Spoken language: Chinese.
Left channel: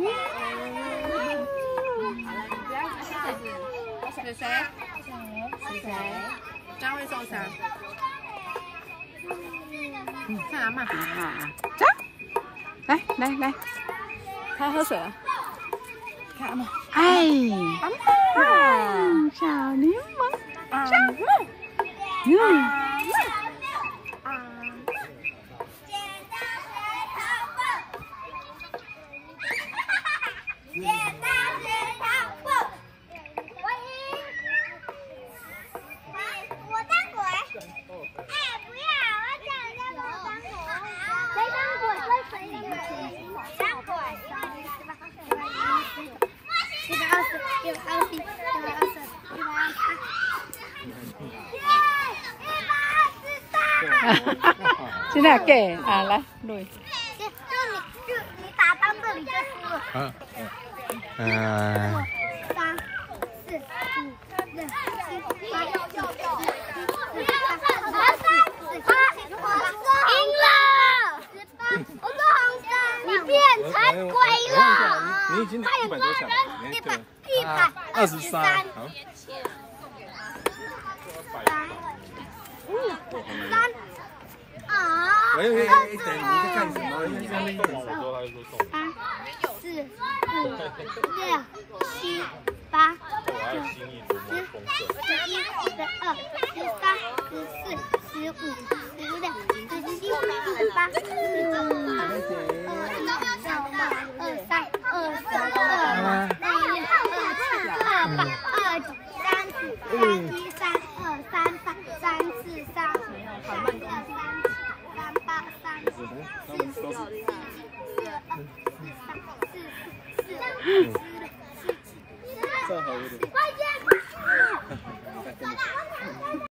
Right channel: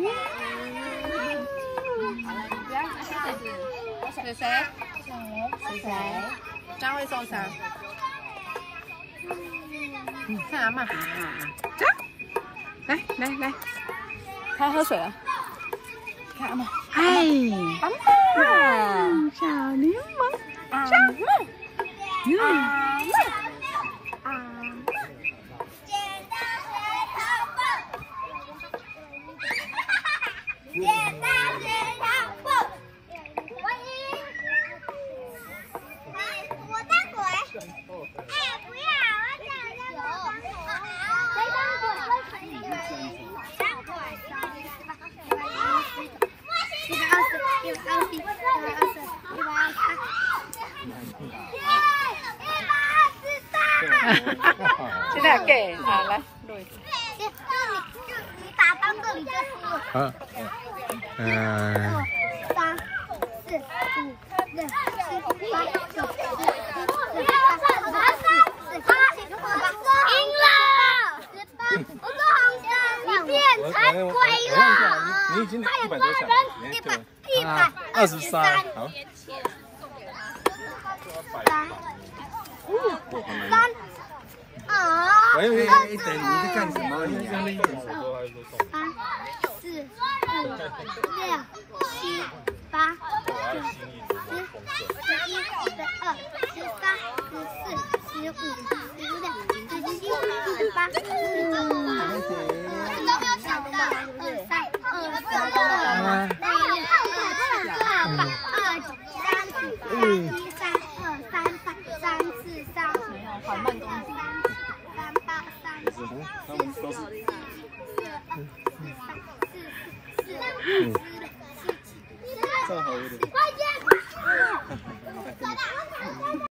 好了，你不要这样子。谁？谁？张会受伤。看阿妈。走，来，他喝水了。看阿妈。哎，阿妈，小柠檬，阿妈。现在给啊，来，录一下。就你打到这里就输了。3、4、5、6、7、8、9、10、11、12、13、14、15、赢了！18，你变才亏了。你已经100多场了，123，好。我以为一等你在干什么？用力一点。3、4、5、6、7、8、9、10、11、12、13、14、15、16、17、18、他们都是。正好有点。